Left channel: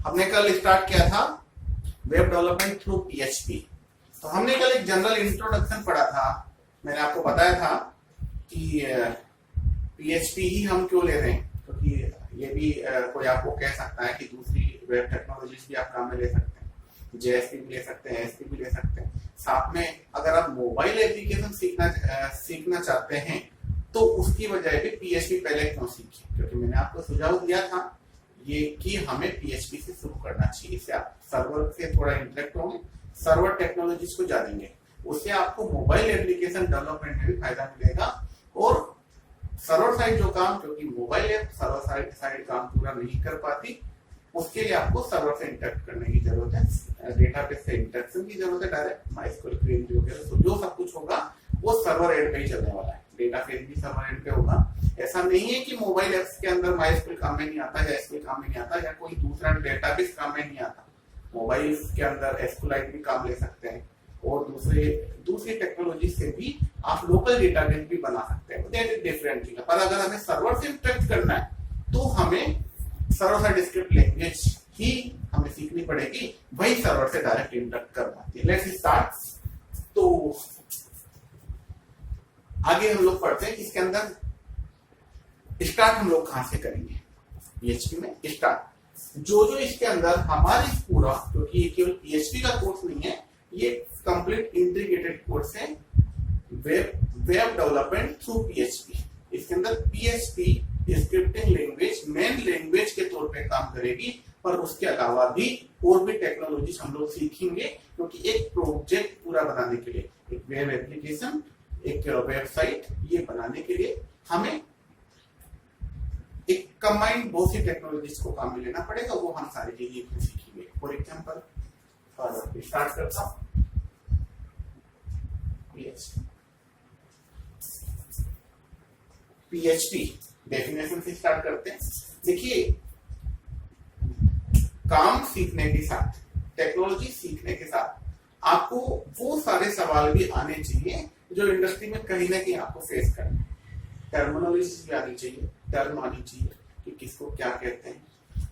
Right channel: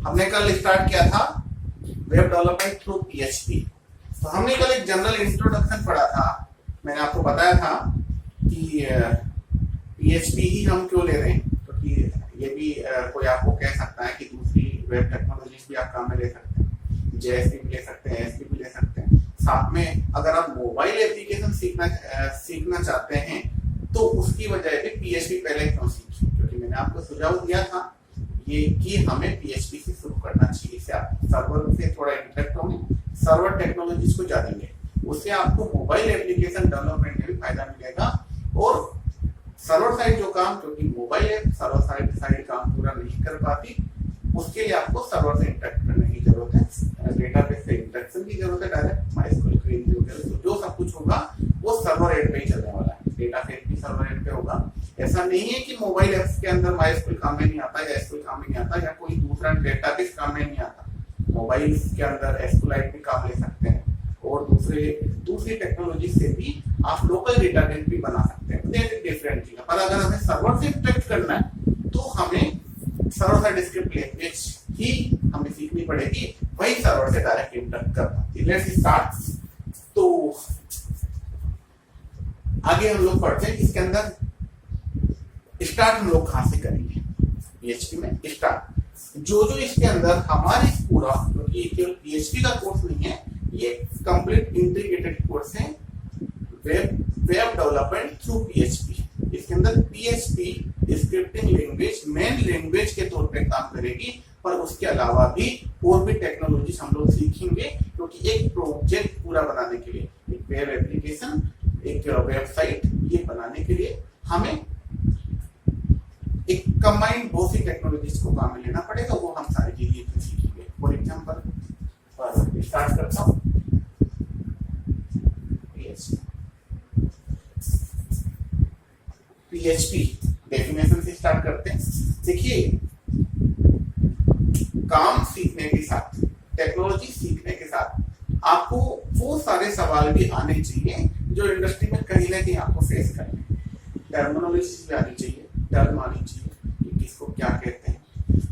हमने कल स्टार्ट किया था वेब डेवलपमेंट थ्रू पीएचपी। तो हमने कल एक जनरल इंट्रोडक्शन पढ़ा था। मैंने आपको बताया था कि पीएचपी ही हम क्यों ले रहे हैं, क्योंकि ये भी कोई आपको कह सकता है कि दूसरी वेब टेक्नोलॉजीज भी आप काम में ले सकते हैं, जेएसपी भी ले सकते हैं, एएसपी भी ले सकते हैं। साथ में अगर आप मोबाइल एप्लीकेशन सीखना चाहते हैं तो उसकी वजह भी पीएचपी पहले क्यों सीखिए, क्योंकि मैंने आपको सुझाव दिया था ये कि हमें पीएचपी से शुरू करना चाहिए। इससे आप सर्वर से थोड़ा इंटरेक्ट होंगे, सर्वर टेक्नोलॉजीज को जानेंगे, उससे आपको मोबाइल एप्लीकेशन डेवलपमेंट में भी फायदा मिलेगा। और सर्वर साइड जो काम, क्योंकि मोबाइल ऐप सर्वर साइड काम पूरा नहीं कर पाती, उसके लिए आपको सर्वर से इंटरेक्ट करने की जरूरत है, डेटाबेस से इंटरेक्शन की जरूरत है, डायरेक्ट माइस्क्यूएल क्वेरी वगैरह। तो जो सब कुछ होगा वो सर्वर एंड पे ही चलने वाला है, डेटाबेस भी सर्वर एंड पे होगा। ऐसा नहीं है कि मोबाइल एप्स के अंदर माइस्क्यूएल काम में नहीं आता या एसक्यूएल काम में नहीं आता या कोई दूसरा डेटाबेस काम में नहीं आता। मोबाइल के अंदर एसक्यूएलाइट भी काम ले सकते हैं और दूसरी टेक्नोलॉजी से भी आप लोकल डेटाबेस भी बना सकते हैं। That is different thing. पर अगर हमें सर्वर से इंटरेक्ट करना है तो हमें सर्वर साइड स्क्रिप्ट लैंग्वेज ही हमें सीखनी पड़ेगी, वही सर्वर से डायरेक्ट इंटरेक्ट कर पाती है। Let's start. तो आगे हम लोग पढ़ते हैं कि इसके अंदर स्टार्ट हम लोग कहां से करेंगे। पीएचपी में स्टार्ट जो इसके अंदर हमारे पूरा, क्योंकि ये केवल पीएचपी का कोर्स नहीं है, ये कंप्लीट इंटीग्रेटेड कोर्स है वेब डेवलपमेंट थ्रू पीएचपी। इसके अंदर PHP scripting language main language के तौर पे काम करेगी, पर उसके अलावा भी और भी टेक्नोलॉजीज हम लोग सीखेंगे, क्योंकि एक प्रोजेक्ट पूरा बनाने के लिए, एक वेब एप्लीकेशन, एक वेबसाइट, ये बनाने के लिए हमें एक कंबाइंड बहुत सी टेक्नोलॉजीज को काम में लेना पड़ेगा। वो हम सारी चीजें सीखेंगे। फॉर एग्जांपल स्टार्ट करता हूं पीएचपी डेफिनेशन से स्टार्ट करते हैं। देखिए, काम सीखने के साथ, टेक्नोलॉजी सीखने के साथ आपको वो सारे सवाल भी आने चाहिए जो इंडस्ट्री में कहीं ना कहीं आपको फेस करने। टर्मिनोलॉजी भी आनी चाहिए, टर्म आनी चाहिए कि किसको क्या कहते हैं।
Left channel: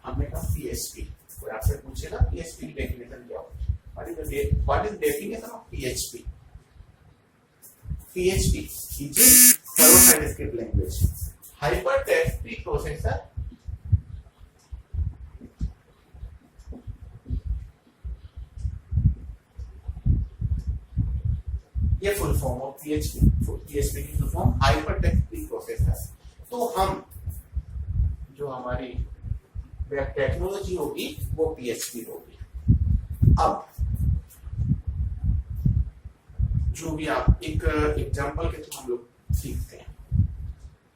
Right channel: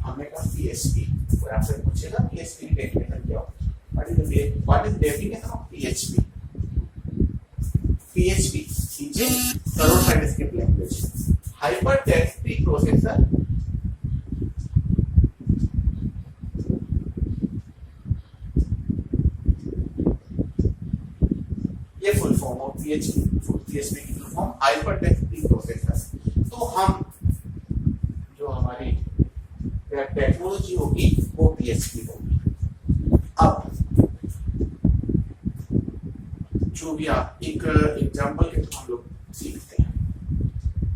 हमने कहा पीएचपी, कोई आपसे पूछेगा पीएचपी की डेफिनेशन क्या हो, what is definition of PHP. PHP is a server side script language, hyper text preprocessor ये फुल फॉर्म ऑफ पीएचपी की full form hyper text preprocessor. तो हम जो हमारी वेब टेक्नोलॉजी होगी वो पीएचपी होगी। अब जो भी आप एक एग्जांपल के थ्रू हम लोग सीखते हैं।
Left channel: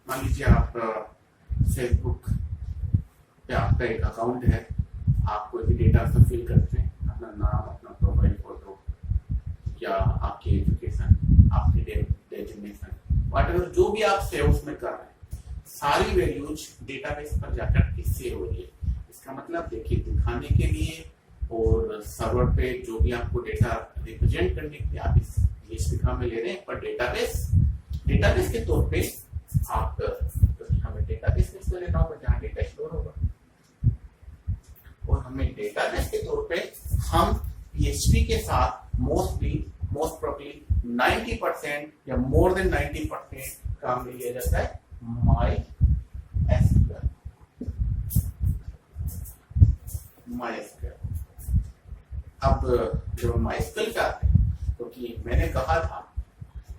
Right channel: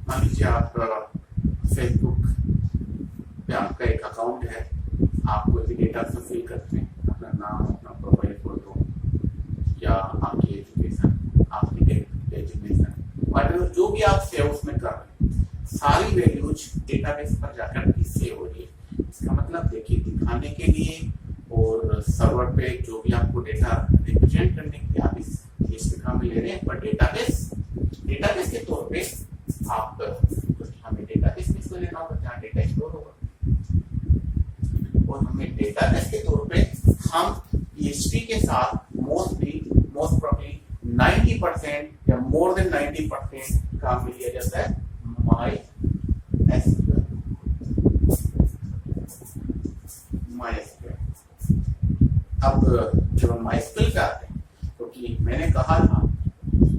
मान लीजिए आप फेसबुक पे आपका एक अकाउंट है, आप कोई भी डेटा उसमें फिल करते हैं, अपना नाम, अपना प्रोफाइल फोटो या आपकी एजुकेशन, आपकी डेजिग्नेशन, व्हाटएवर जो भी आप सेव उसमें कर रहे हैं, सारी वैल्यूज डेटाबेस पर जाकर के सेव हो रही है। इसका मतलब देखिए, दिखाने के लिए और सर्वर पे जो भी आपको डेटा रिप्रेजेंट करने के लिए आप इस काम में ले रहे हैं, पर डेटाबेस के तौर पे आप, हमें डेटाबेस में इसको लेना होगा जहाँ डेटा स्टोर होगा, और हमें डेटाबेस के तौर पे हम पीएचपी के साथ मोस्ट प्रोबेबली 90% या मोर देन 90% काम में लिया जाता है MySQL। अब जब हम MySQL पे आते हैं, क्योंकि मैंने कहा था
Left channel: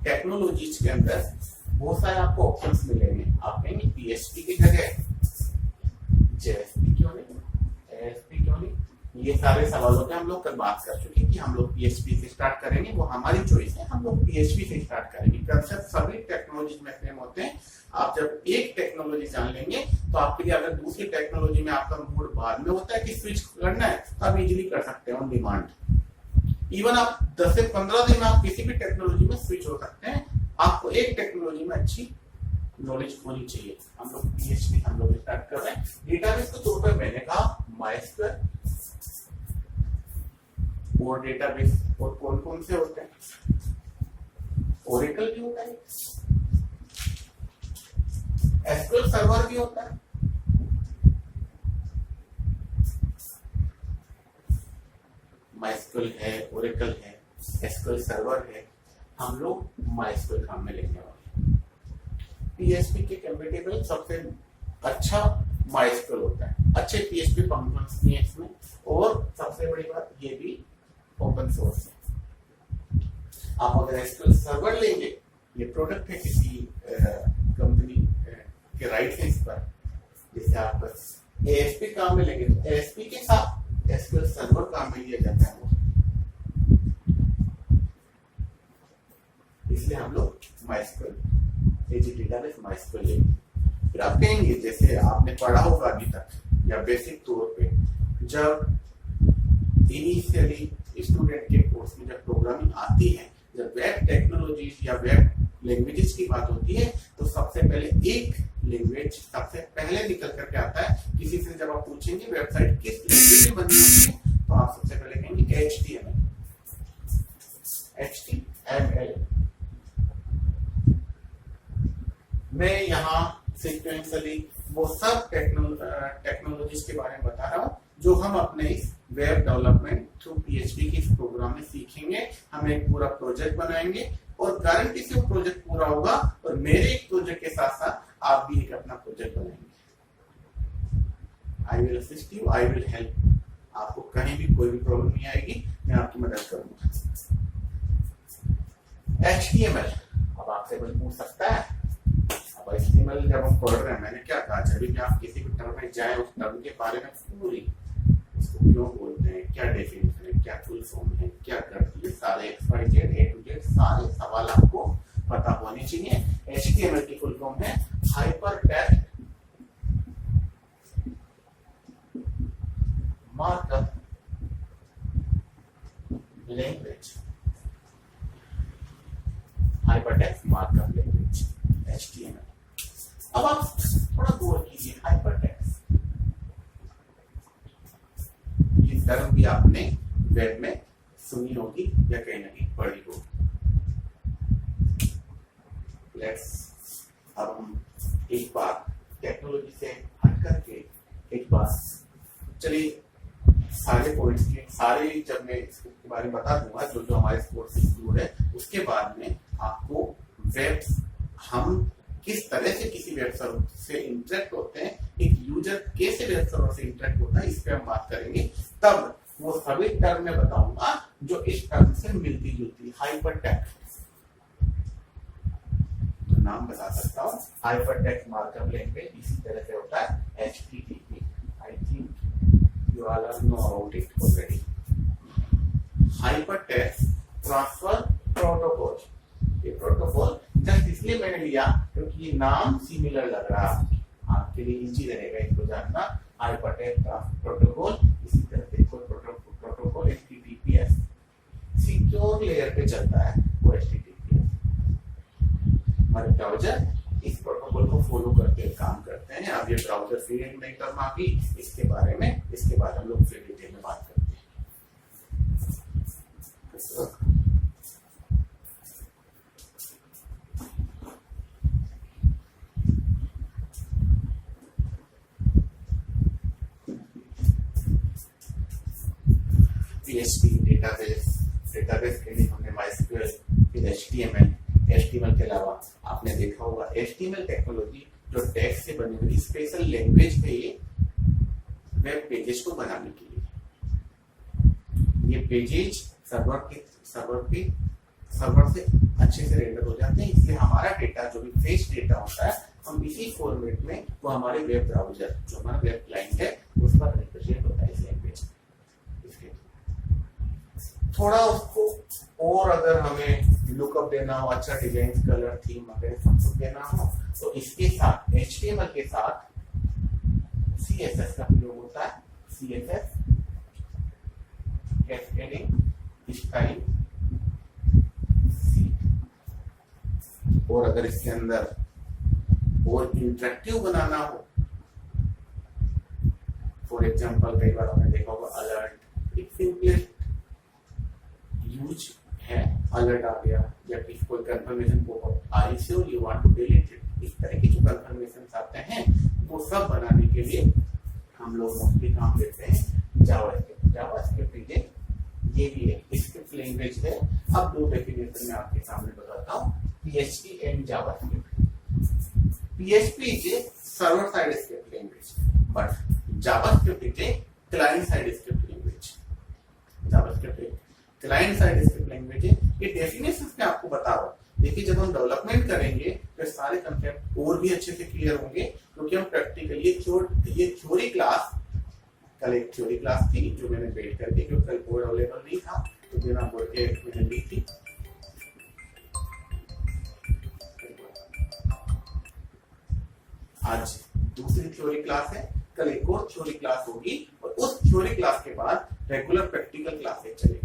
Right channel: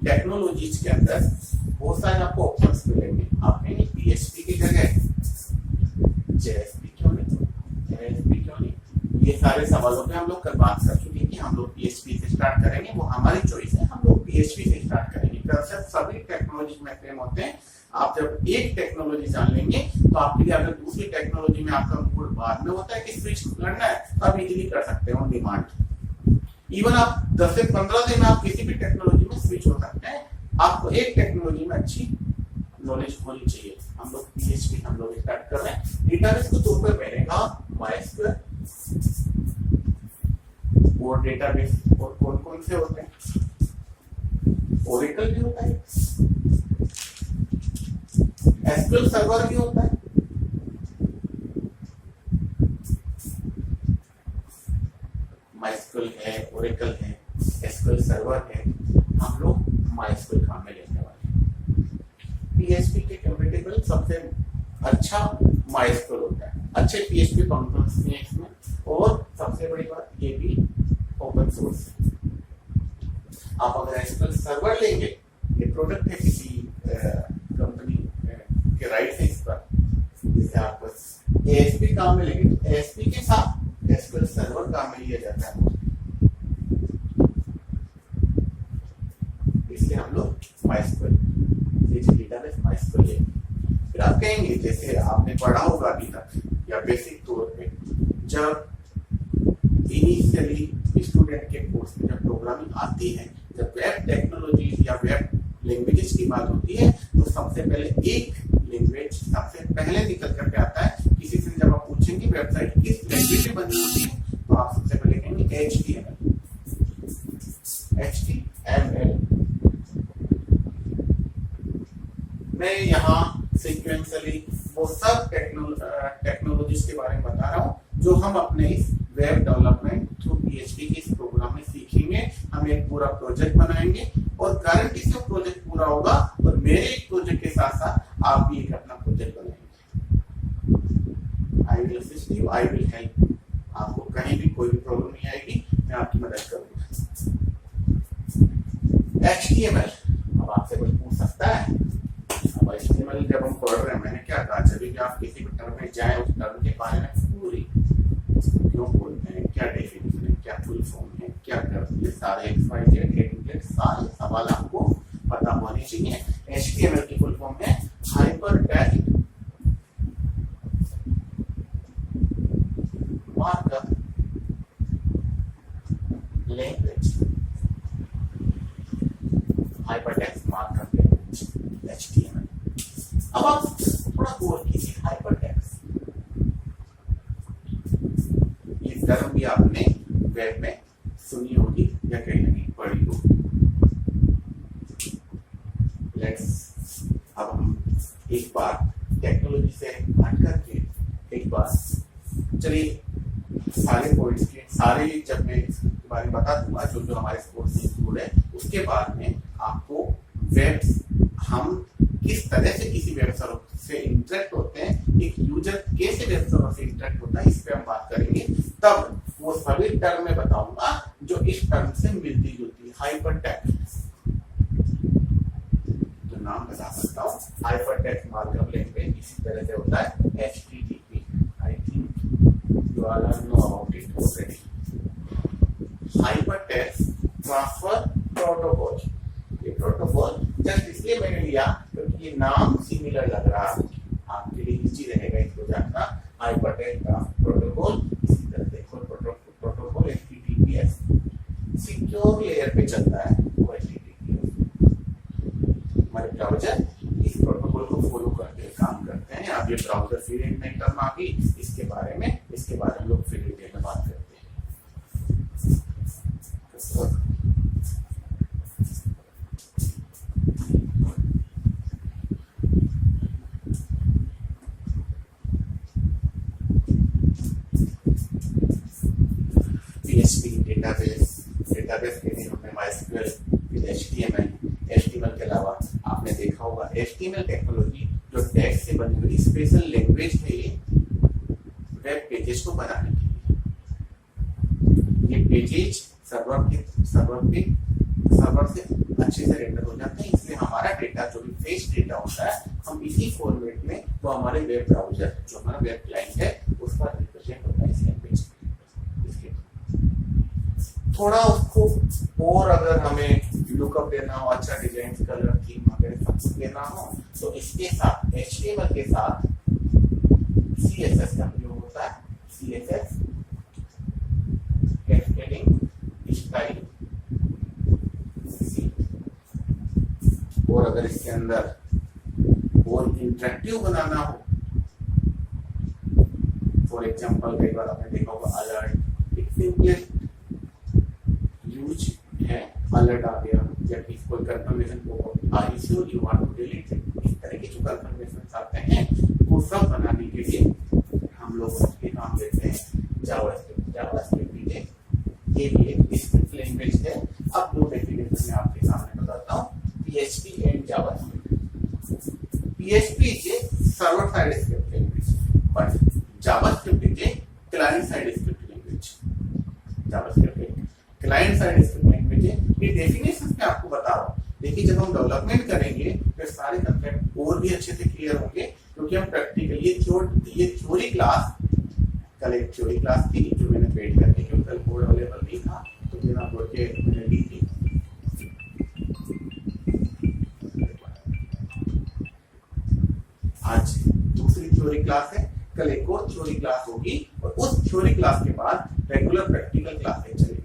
टेक्नोलॉजीज के अंदर बहुत सारे आपको ऑप्शंस मिलेंगे। आप कहेंगे पीएचपी की जगह जेएसपी क्यों नहीं, ये सारे सवालों पे हम लोग कल बात कर चुके हैं कि हम लोग पीएचपी से स्टार्ट करेंगे, वो हमारी चॉइस है, हम लोग पीएचपी से स्टार्ट करेंगे। कंसेप्ट सभी टेक्नोलॉजी में सेम होते हैं। आप जब एक टेक्नोलॉजी जान लेंगे तो आपके लिए, अगर दूसरी टेक्नोलॉजी में आपका मूड बाद में होता है कि स्विच करना है, तो आप इजीली कर सकते हैं ऑन डिमांड। इवन आप 10 से 15 दिन में आप किसी भी टेक्नोलॉजी में स्विच हो सकते हैं। आपको एक टेक्नोलॉजी में अच्छी नॉलेज होनी चाहिए। हम लोग पीएचपी हम लोग स्टार्ट कर रहे हैं। डेटाबेस के तौर पे मैंने कहा MySQL, और डेटाबेस और कौन कौन से होते हैं, ओरेकल भी होता है, एसक्यूएल सर्वर भी होता है, MySQL है, Oracle है, SQL सर्वर है, हम लोग MySQL काम में लेने वाले हैं। PHP के कंपेटेबल सबसे अच्छा MySQL होता है, अच्छे PHP फंक्शंस भी हैं इसमें, और सबसे बड़ी बात ये भी ओपन सोर्स है। आप अगर SQL सर्वर लेंगे, ये प्रोडक्ट है किसी कंपनी के राइट है इस पर, जिसे आप ASP काम में लेंगे तो ASP के साथ SQL सर्वर काम में लिया जाता है, इसलिए हम लोग MySQL डेटाबेस MySQL लेंगे। फिर आप कहेंगे, जैसे आपने पढ़ा होगा अभी तक या बेसिक तौर पे, जब इनिशियली स्टूडेंट के कोर्स में जब प्रोग्रामिंग आती है, जब वेब टेक्नोलॉजीज या वेब लैंग्वेजेस की बात होती है, तो सबसे पहले एक लैंग्वेज सबसे पहले निकल करके आता है। किसी से जब आप पूछेंगे वेबसाइट किस लैंग्वेज में बनी होती है, तो आप सबसे पहले कहेंगे HTML। मैं यहाँ सीक्वेंसली वो सब टेक्नोलॉजीज के बारे में बता रहा हूँ जो हम अपने इस वेब डेवलपमेंट थ्रू PHP के इस प्रोग्राम में सीखेंगे। हम एक पूरा प्रोजेक्ट बनाएंगे और गारंटी से वो प्रोजेक्ट पूरा होगा, और मेरे एक प्रोजेक्ट के साथ साथ आप भी एक अपना प्रोजेक्ट बनाएंगे। I will assist you, I will help. आपको कहीं भी कोई भी प्रॉब्लम नहीं आएगी, मैं आपकी मदद करूंगा। HTML, अब आपसे कुछ पूछ सकता है। अब HTML जब हम पढ़ रहे हैं, मैंने क्या कहा, जब भी आप किसी भी टर्म में जाए, उस टर्म के बारे में पूरी इसको क्यों बोलते हैं, क्या डेफिनेशन है, क्या फुल फॉर्म है, क्या करती है, सारे XYZ A to Z सारे सवाल आपको पता होने चाहिए। HTML की फुल फॉर्म है hypertext markup language. Hypertext markup language HTML। अब आप थोड़ा गौर कीजिए, हाइपरटेक्स्ट ये टर्म भी आपने वेब में सुनी होगी या कहीं ना कहीं पढ़ी होगी। अब हम एक बार टेक्नोलॉजी से हट करके एक बार चलिए सारे पॉइंट्स के सारे, जब मैं इसके बारे में बता दूंगा जो जो हमारे कोर्स में इंक्लूड है, उसके बाद में आपको वेब हम किस तरह से किसी वेब सर्वर से इंटरेक्ट होते हैं, एक यूजर कैसे वेब सर्वर से इंटरेक्ट होता है, इस पे हम बात करेंगे। तब वो सभी टर्म में बताऊंगा जो इस टर्म से मिलती जुलती। हाइपरटेक्स्ट तो नाम बता सकता हूँ, हाइपरटेक्स्ट मार्कअप लैंग्वेज इसी तरह से होता है HTTP। I think you all know about it already. Hypertext transfer protocol, ये प्रोटोकॉल जस्ट इसलिए मैंने लिया क्योंकि ये नाम सिमिलर लग रहा है, आपके लिए इजी रहेगा इसको जानना। हाइपरटेक्स्ट ट्रांसफर प्रोटोकॉल, इसी तरह से प्रोटोकॉल HTTPS सिक्योर लेयर पे चलता है, वो HTTPS। हमारे ब्राउजर इस प्रोटोकॉल को फॉलो करते काम करते हैं। अब ये ब्राउजर फिर एक नई टर्म आ गई, इसके बारे में इसके बाद हम लोग फिर डिटेल में बात करते हैं। PHP डेटाबेस के लिए हमने MySQL, फिर HTML के अलावा आपने देखा होगा HTML टेक्नोलॉजी जो टेक्स्ट से बनी हुई स्पेशल लैंग्वेज है ये वेब पेजेस को बनाने के लिए। ये पेजेस सर्वर से अच्छे से रेंडर हो जाते हैं, इसलिए हमारा डेटा जो भी फ्रेश डेटा होता है हम इसी फॉर्मेट में वो हमारे वेब ब्राउजर जो हमारा वेब क्लाइंट है उस पर रिप्रेजेंट होता है इस लैंग्वेज। थोड़ा उसको और अगर हमें लुकअप देना हो, अच्छा डिजाइन, कलर, थीम वगैरह सब कुछ देना हो, तो इसके साथ HTML के साथ CSS का प्रयोग होता है। CSS cascading style sheet. और अगर इसके अंदर और इंटरेक्टिव बनाना हो, फॉर एग्जांपल कई बार आपने देखा होगा अलर्ट, एक सिंपलेस्ट यूज है, अलर्ट आ गया या किसी कोई confirmation popup, are you sure you want to delete it, इस तरह के जो कंफर्मेशन आते हैं वो सब बनाने के लिए हम लोग मोस्टली काम लेते हैं जावास्क्रिप्ट। जावास्क्रिप्ट इज ये भी एक स्क्रिप्ट लैंग्वेज है। अब दो डेफिनेशन मैं आपके सामने बताता हूँ, PHP and JavaScript. PHP is a server side script language, but JavaScript is a client side script language. JavaScript एक client side script language है। ये डेफिनेशन मैं आपको बता रहा हूँ। देखिए जब हम डेवलपमेंट करेंगे तो सारे कंसेप्ट और भी अच्छे से क्लियर होंगे, क्योंकि हम प्रैक्टिकल ये थ्योरी क्लास, कल एक थ्योरी क्लास थी जो मैंने पेड कर दी क्योंकि कल बोर्ड अवेलेबल नहीं था, तो बिना बोर्ड के मैंने ली थी। आज दूसरी थ्योरी क्लास है, कल एक और थ्योरी क्लास होगी और उस थ्योरी क्लास के बाद रेगुलर प्रैक्टिकल क्लासेस चलेगी।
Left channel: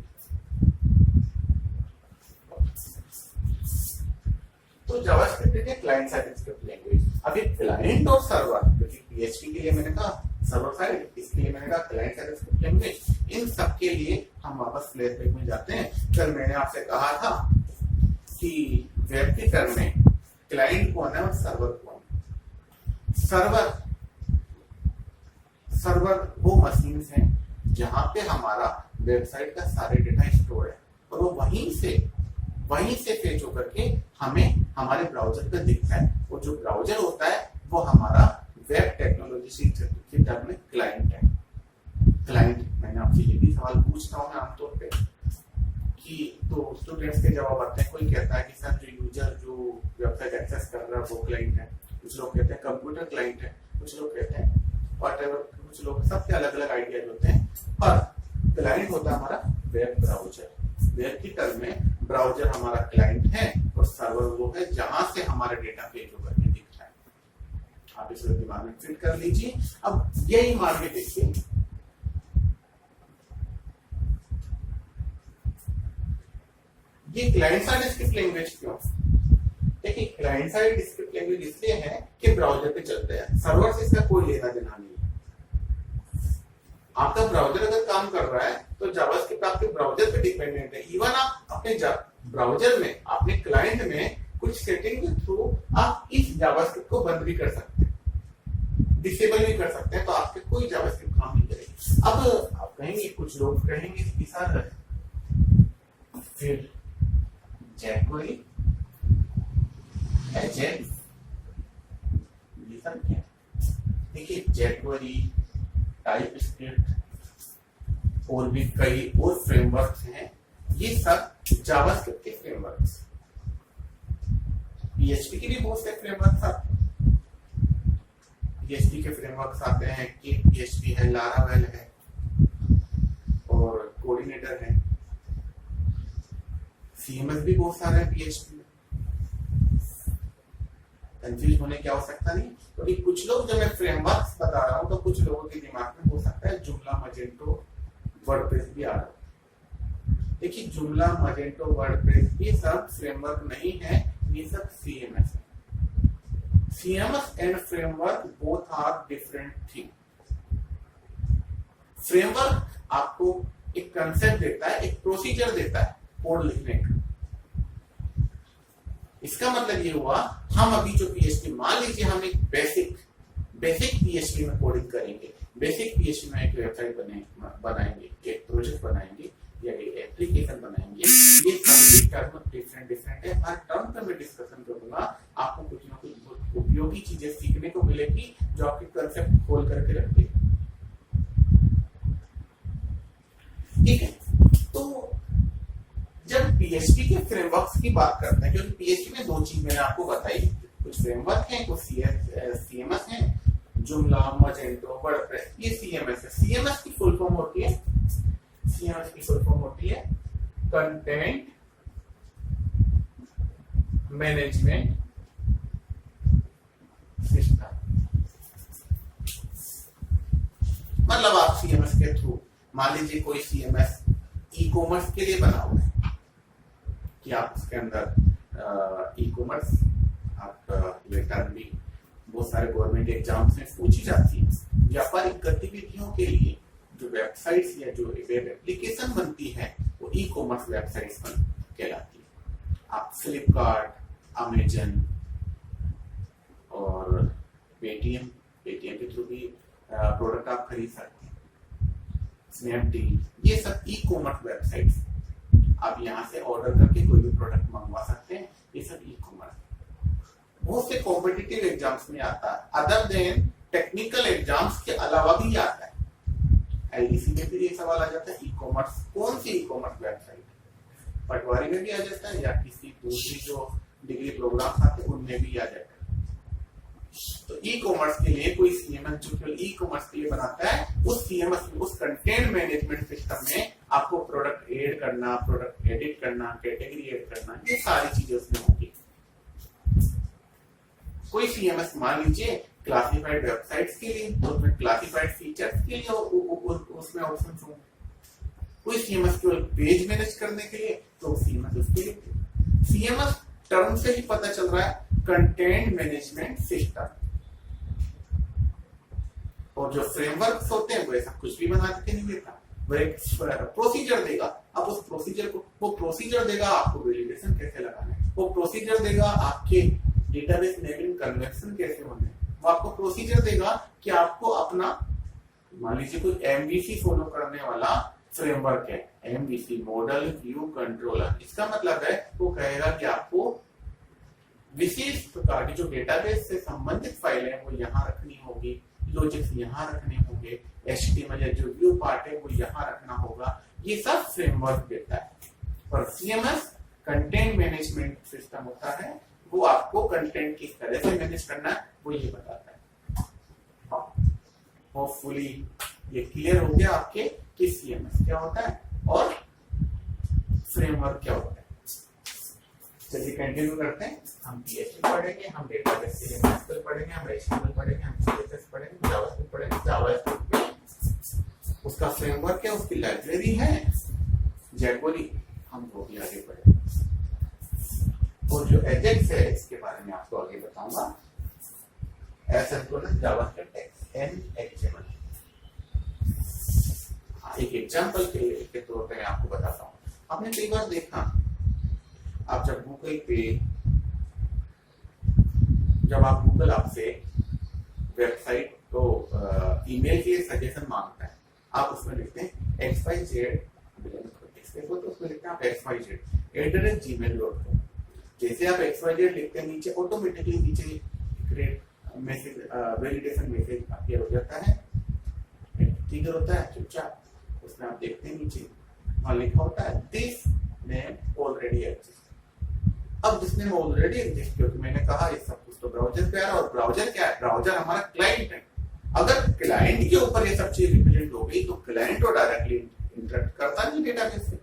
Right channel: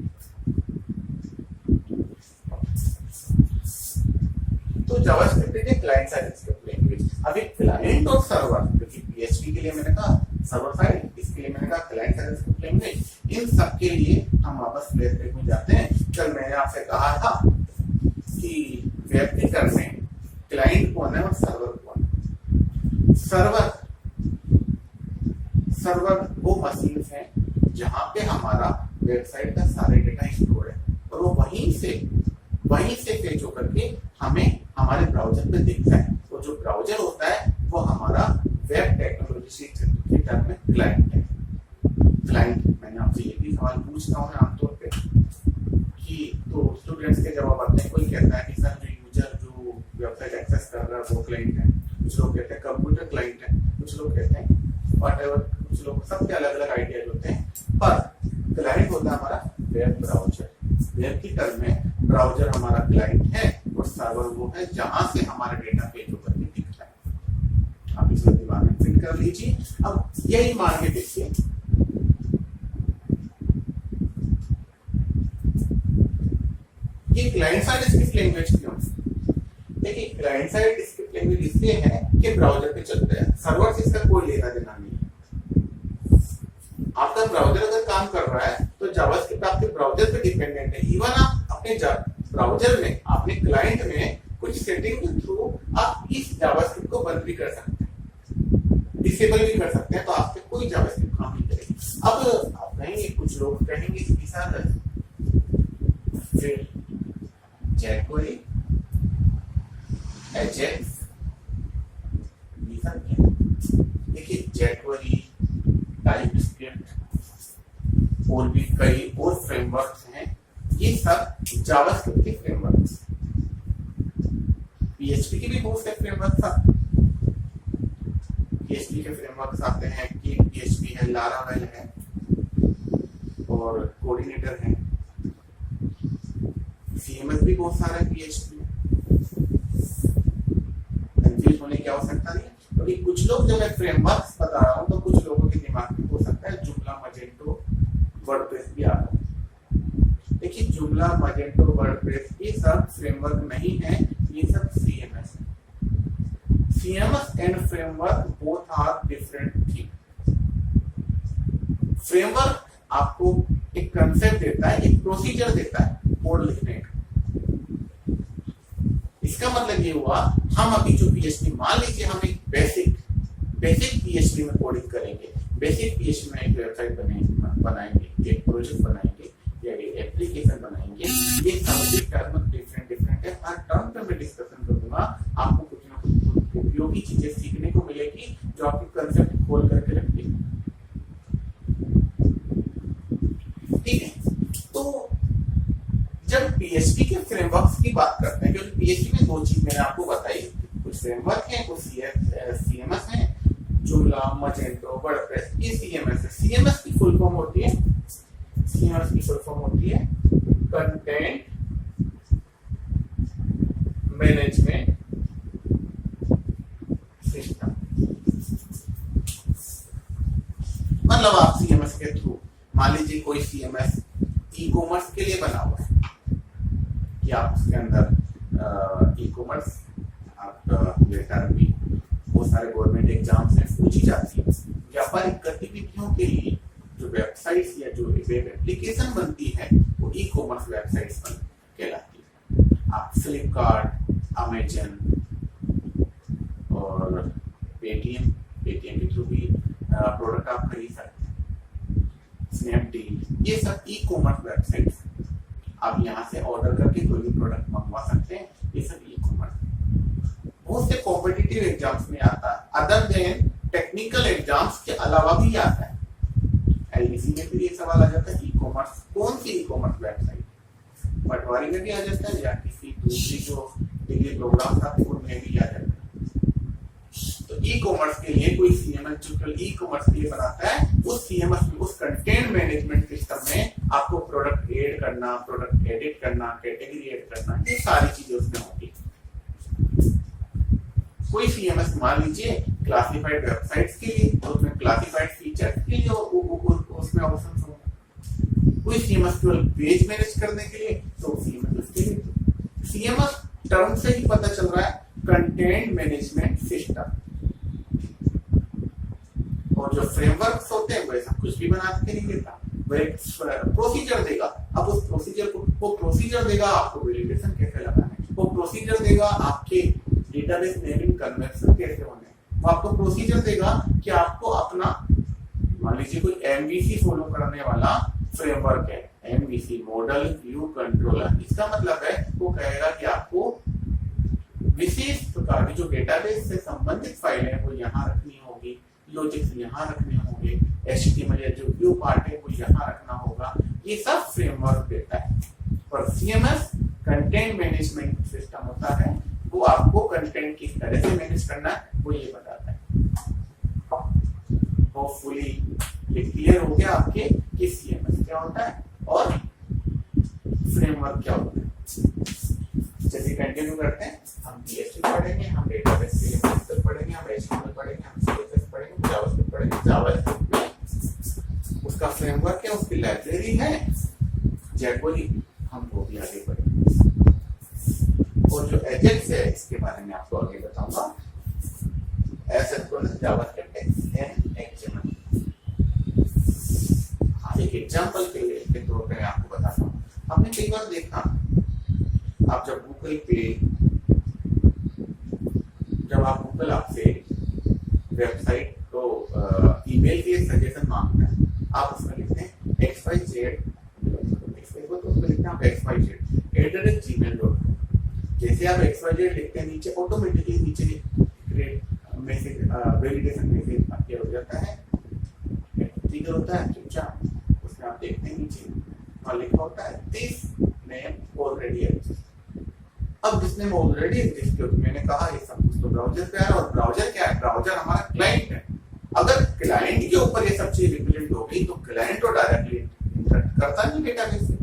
तो जावास्क्रिप्ट एक क्लाइंट साइड स्क्रिप्ट लैंग्वेज। अब एक क्लाइंट और सर्वर, क्योंकि PHP के लिए मैंने कहा सर्वर साइड, इसके लिए मैंने कहा क्लाइंट साइड स्क्रिप्ट लैंग्वेज, इन सब के लिए हम वापस फ्लैशबैक में जाते हैं। कल मैंने आपसे कहा था कि वेब के टर्म में क्लाइंट कौन है और सर्वर कौन है। सर्वर वो मशीन है जहां पे हमारा वेबसाइट का सारे डेटा स्टोर है और वो वहीं से फेच होकर के हमें हमारे ब्राउजर पे दिखता है। वो जो ब्राउजर होता है वो हमारा वेब टेक्नोलॉजी के टर्म में क्लाइंट है। क्लाइंट, मैंने आपसे ये भी सवाल पूछता हूँ आमतौर पे कि तो स्टूडेंट्स के जवाब आते हैं। कोई कहता है कि सर जो यूजर जो वेबसाइट एक्सेस कर रहा है वो क्लाइंट है, कुछ लोग कहते हैं कंप्यूटर क्लाइंट है, कुछ लोग कहते हैं व्हाटएवर, कुछ लोग, सबके अलग अलग आइडियाज होते हैं। पर क्लाइंट होता है हमारा वेब ब्राउजर। वेब की टर्म में ब्राउजर हमारा क्लाइंट है और सर्वर वो है जहां से हमारा डेटा पेज होकर के दिखता है। आप इसको दिमाग में फिट कर लीजिए। अब यही मान के देखिए, ये क्लाइंट साइड स्क्रिप्ट लैंग्वेज क्यों है? देखिए क्लाइंट साइड स्क्रिप्ट लैंग्वेज इसलिए है कि ब्राउजर पे चलता है, सर्वर से इसका कोई लेना देना नहीं है। आपका ब्राउजर अगर काम कर रहा है तो जावास्क्रिप्ट आपके ब्राउजर पे डिपेंडेंट है। इवन आप अपने ब्राउजर में, अपने क्लाइंट में कुछ सेटिंग के थ्रू आप इस जावास्क्रिप्ट को बंद भी कर सकते हैं, डिसेबल भी कर सकते हैं, तो आपके कोई जावास्क्रिप्ट काम नहीं करेगी। अब आप कहेंगे, कुछ लोग कहेंगे कि सर फिर jQuery, Ajax, ये सब क्या है? देखिए jQuery, टाइपस्क्रिप्ट और भी कई और फ्रेमवर्क्स हैं, ये सब जावास्क्रिप्ट के फ्रेमवर्क्स। PHP के भी बहुत से फ्रेमवर्क्स आते हैं। PHP के फ्रेमवर्क्स आते हैं कि PHP है, लारावेल है और कोऑर्डिनेटर है। CMS भी बहुत सारा है PHP में, कंफ्यूज होने की आवश्यकता नहीं। क्योंकि कुछ लोग, जब मैं फ्रेमवर्क्स बता रहा हूँ तो कुछ लोगों के दिमाग में हो सकता है जुमला, मजेंटो, वर्डप्रेस भी आ रहा है। देखिए जुमला, मजेंटो, वर्डप्रेस ये सब फ्रेमवर्क नहीं है, ये सब CMS है। CMS and framework both are different thing. Framework आपको एक कंसेप्ट देता है, एक प्रोसीजर देता है कोड लिखने का। इसका मतलब ये हुआ, हम अभी जो PHP, मान लीजिए हम एक बेसिक PHP में कोडिंग करेंगे, बेसिक PHP में एक वेबसाइट बनाएंगे, एक प्रोजेक्ट बनाएंगे या एक एप्लीकेशन बनाएंगे। ये सभी टर्म डिफरेंट है। हर टर्म पे मैं डिस्कशन करूंगा, आपको कुछ ना कुछ उपयोगी चीजें सीखने को मिलेगी जो आपके कंसेप्ट खोल करके रख देगी। ठीक है, तो जब PHP के फ्रेमवर्क्स की बात करते हैं, क्योंकि PHP में दो चीज मैंने आपको बताई, कुछ फ्रेमवर्क है, कुछ CMS है, जुमला, मजेंटो, वर्डप्रेस, ये CMS है। CMS की फुल फॉर्म होती है, CMS की फुल फॉर्म होती है कंटेंट मैनेजमेंट सिस्टम। मतलब आप CMS के थ्रू, मान लीजिए कोई CMS ई-कॉमर्स के लिए बना हुआ है कि आप उसके अंदर ई-कॉमर्स, आप लेटर भी बहुत सारे गवर्नमेंट एग्जाम्स में पूछी जाती है। व्यापारिक गतिविधियों के लिए जो वेबसाइट्स या जो वेब एप्लीकेशन बनती है वो ई-कॉमर्स वेबसाइट्स कहलाती है। आप फ्लिपकार्ट, अमेजन और पेटीएम के थ्रू भी प्रोडक्ट आप खरीद सकते हैं। स्नैपडील, ये सब ई कॉमर्स वेबसाइट्स। आप यहाँ से ऑर्डर करके कोई भी प्रोडक्ट मंगवा सकते हैं, ये सब ई कॉमर्स। बहुत से कॉम्पिटिटिव एग्जाम्स में आता है, अदर देन टेक्निकल एग्जाम्स के अलावा भी आता है। एलडीसी में भी ये सवाल आ जाता है, ई कॉमर्स कौन सी ई कॉमर्स वेबसाइट, पटवारी में भी आ जाता है या किसी दूसरी जो डिग्री प्रोग्राम आते हैं उनमें भी आ जाता है। तो ई कॉमर्स के लिए कोई सीएमएस जो केवल ई कॉमर्स के लिए बनाता है, उस सीएमएस में, उस कंटेंट मैनेजमेंट सिस्टम में आपको प्रोडक्ट ऐड करना, प्रोडक्ट एडिट करना, कैटेगरी ऐड करना, ये सारी चीजें उसमें होगी। कोई सीएमएस मान लीजिए क्लासिफाइड वेबसाइट्स के लिए, तो उसमें क्लासिफाइड फीचर्स के लिए उसमें ऑप्शंस होंगे। कोई सीएमएस केवल पेज मैनेज करने के लिए, तो सीएमएस उसके लिए। सीएमएस टर्म से ही पता चल रहा है कंटेंट मैनेजमेंट सिस्टम, और जो फ्रेमवर्क्स होते हैं वो ऐसा कुछ भी बना के नहीं देता, वो एक प्रोसीजर देगा। अब उस प्रोसीजर को, वो प्रोसीजर देगा आपको वैलिडेशन कैसे लगाना है, वो प्रोसीजर देगा आपके डेटाबेस नेमिंग कन्वर्सन कैसे होने हैं, वो आपको प्रोसीजर देगा कि आपको अपना, मान लीजिए कोई एमवीसी फॉलो करने वाला फ्रेमवर्क है, एमवीसी मॉडल व्यू कंट्रोलर, इसका मतलब है वो कहेगा कि आपको विशेष प्रकार की जो डेटाबेस से संबंधित फाइलें हैं वो यहाँ रखनी होगी, लॉजिक्स यहाँ रखने होंगे, एचटीएमएल या जो व्यू पार्ट है वो यहाँ रखना होगा, ये सब फ्रेमवर्क देता है। और सीएमएस कंटेंट मैनेजमेंट सिस्टम होता है, वो आपको कंटेंट किस तरह से मैनेज करना है वो ये बताता है। होपफुली ये क्लियर हो गया आपके कि सीएमएस क्या होता है और फ्रेमवर्क क्या होता है। चलिए कंटिन्यू करते हैं। हम पीएचपी पढ़ेंगे, हम डेटाबेस के लिए मैथ्स पढ़ेंगे, हम एचटीएमएल पढ़ेंगे, हम सीएसएस पढ़ेंगे, जावास्क्रिप्ट पढ़ेंगे। जावास्क्रिप्ट में उसका फ्रेमवर्क है, उसकी लाइब्रेरी है जैकवरी, हम वो भी आगे पढ़ेंगे। और जो एजेक्स है इसके बारे में आपको आगे बताऊंगा। Asynchronous JavaScript and HTML. एक एग्जांपल के तौर पे मैं आपको बताता हूँ। आपने कई बार देखा, आप जब गूगल पे, जब आप गूगल आपसे वेबसाइट को ईमेल के सजेशन मांगता है, आप उसमें लिखते हैं xyz, तो उसमें लिखते हैं आप xyz@gmail.com। जैसे आप xyz लिखते हैं, नीचे ऑटोमेटिकली नीचे create message, validation message appear हो जाता है, ट्रिगर होता है चुपचाप। उसमें आप देखते हैं नीचे वहां लिखा होता है दिस नेम ऑलरेडी एग्जिस्ट। अब दिस नेम ऑलरेडी एग्जिस्ट, क्योंकि मैंने कहा ये सब कुछ तो ब्राउजर पे आ रहा है, और ब्राउजर क्या है, ब्राउजर हमारा क्लाइंट है। अगर क्लाइंट के ऊपर ये सब चीज रिप्रेजेंट हो गई तो क्लाइंट तो डायरेक्टली इंटरेक्ट करता नहीं डेटाबेस से,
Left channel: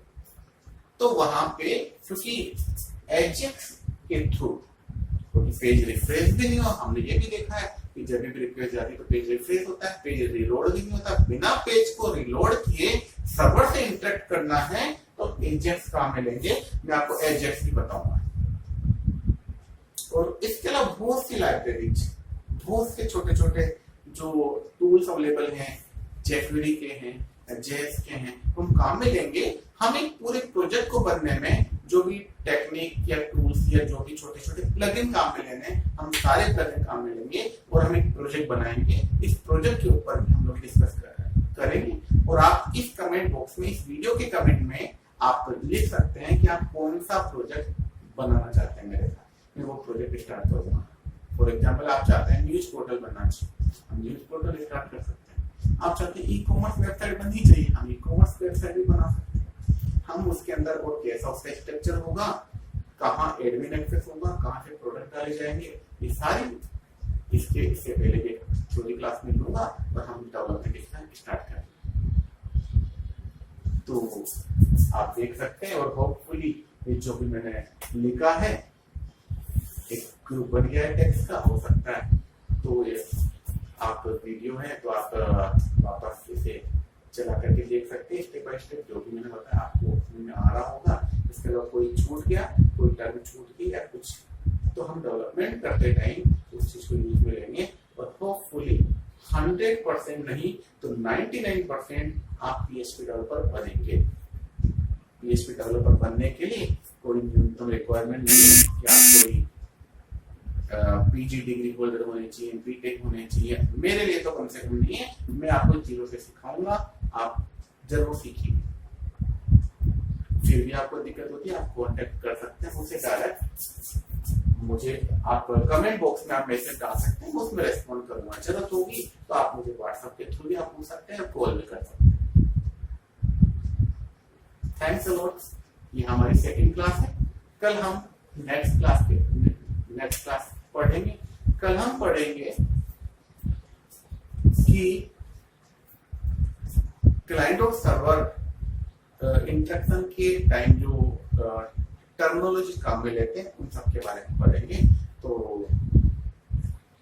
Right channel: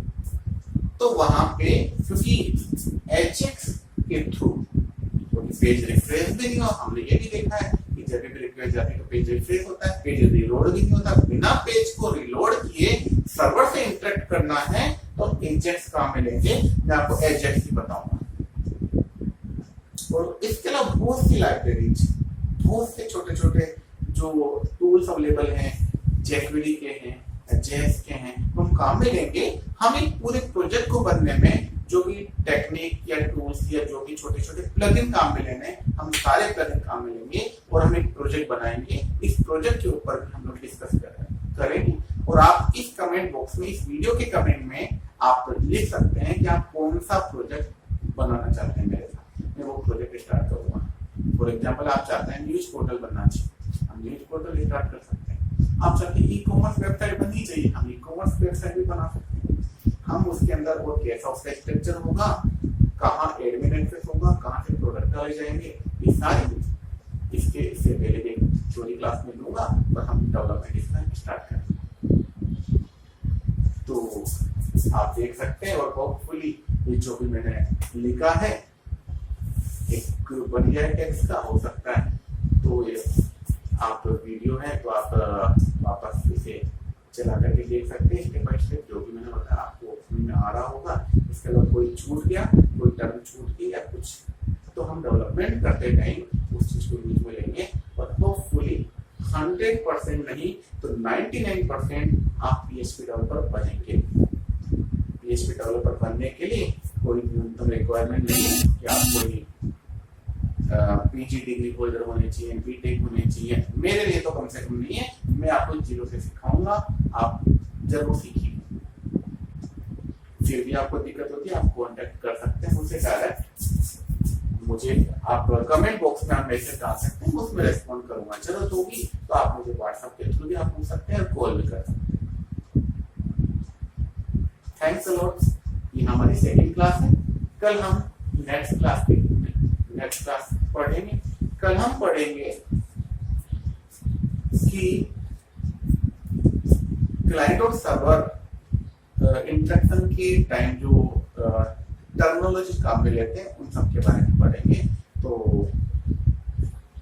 तो वहां पे क्योंकि एजेक्स के थ्रू पेज रिफ्रेश भी नहीं हो, हमने ये भी देखा है कि जब भी रिक्वेस्ट जाती है तो पेज रिफ्रेश होता है, पेज रिलोड भी नहीं होता। बिना पेज को रिलोड किए सर्वर से इंटरेक्ट करना है तो एजेक्स काम में लेंगे, मैं आपको एजेक्स भी बताऊंगा। और इसके अलावा बहुत सी लाइब्रेरीज, बहुत से छोटे छोटे जो टूल्स अवेलेबल हैं, जैकवेरी के हैं, जेएस के हैं, हम काम में लेंगे। हम एक पूरे प्रोजेक्ट को बनने में जो भी टेक्निक या टूल्स या जो भी छोटे छोटे प्लगइन काम में लेने, हम सारे प्लगइन काम में लेंगे और हम एक प्रोजेक्ट बनाएंगे। इस प्रोजेक्ट के ऊपर भी हम लोग डिस्कस करेंगे। और आप इस कमेंट बॉक्स में, इस वीडियो के कमेंट में आप लिख सकते हैं कि आप कौन सा प्रोजेक्ट बनाना चाहते हैं मेरे साथ, मैं वो प्रोजेक्ट स्टार्ट करूंगा। फॉर एग्जाम्पल आप चाहते हैं न्यूज पोर्टल बनना चाहिए, हम न्यूज पोर्टल स्टार्ट कर सकते हैं। आप चाहते हैं ई कॉमर्स वेबसाइट बननी चाहिए, हम ई कॉमर्स वेबसाइट भी बना सकते हैं। हम उसके अंदर और कैसा उसका स्ट्रक्चर होगा, कहाँ एडमिन एक्सेस होगा, कहाँ से प्रोडक्ट डाले जाएंगे, ये सारी इससे पहले एक थ्योरी क्लास में लूंगा और हम डेवलपमेंट इसका स्टार्ट करेंगे। तो आप देख सकते हैं और होपफुली ये जो भी मैंने लिखा है एक ग्रुप बन गया है टेक्स्ट का, हो सकता है तो ये आप वीडियो है तो आप वापस इसे चला करके देख सकते हैं स्टेप बाय स्टेप, जो भी मैंने बताया आपको समझ में आ रहा होगा। इसके अलावा कोई छूट गया, कोई टर्म छूट गई या कुछ, तो हम डेवलपमेंट करते टाइम उस चीज को यूज में लेंगे और होपफुली 100% नहीं तो 99% आप पीएचपी डेवलपर बनेंगे। पीएचपी डेवलपर बनने के लिए कोई न्यूनतम रिक्वायरमेंट नहीं है कि आप कोई पीजी डिग्री होल्डर होने चाहिए, बीटेक होने चाहिए। मेरे लिए तो कम से कम नहीं है, मैं आपको जीरो से सिखाऊंगा। आप जरूर सीखिए। फिर भी आपको दिक्कत होती है, आप कांटेक्ट कर सकते हैं मुझसे डायरेक्ट। मुझे आप कमेंट बॉक्स में आप मैसेज डाल सकते हैं, उसमें रेस्पॉन्ड करूंगा। जरूरत होगी तो आप मुझे व्हाट्सएप के थ्रू भी आप पूछ सकते हैं और कॉल भी कर सकते हैं। Thanks a lot. ये हमारी सेकंड क्लास है। कल हम नेक्स्ट क्लास पढ़ेंगे। कल हम पढ़ेंगे कि क्लाइंट और सर्वर इंटरेक्शन के टाइम जो टर्मिनोलॉजी काम में लेते हैं उन सब के बारे में पढ़ेंगे। तो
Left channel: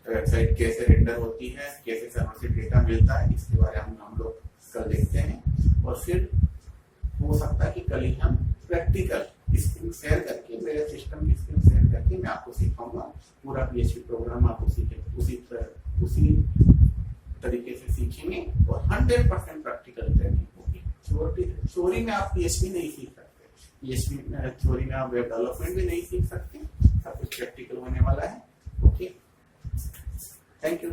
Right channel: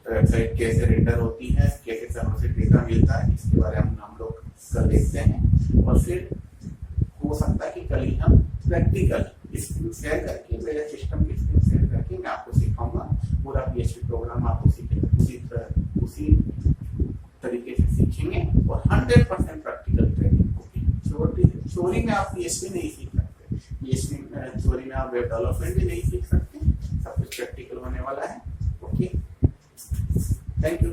वेबसाइट कैसे रेंडर होती है, कैसे सर्वर से डेटा मिलता है, इसके बारे में हम लोग कल देखते हैं। और फिर हो सकता है कि कल ही हम प्रैक्टिकल स्क्रीन शेयर करके, मेरे सिस्टम की स्क्रीन शेयर करके मैं आपको सिखाऊंगा। पूरा PHP प्रोग्राम आप उसी तरीके से सीखेंगे और 100% प्रैक्टिकल ट्रेनिंग होगी। थ्योरी में आप PHP नहीं सीख सकते, PHP थ्योरी में आप वेब डेवलपमेंट भी नहीं सीख सकते। सब कुछ प्रैक्टिकल होने वाला है। Okay, thank you.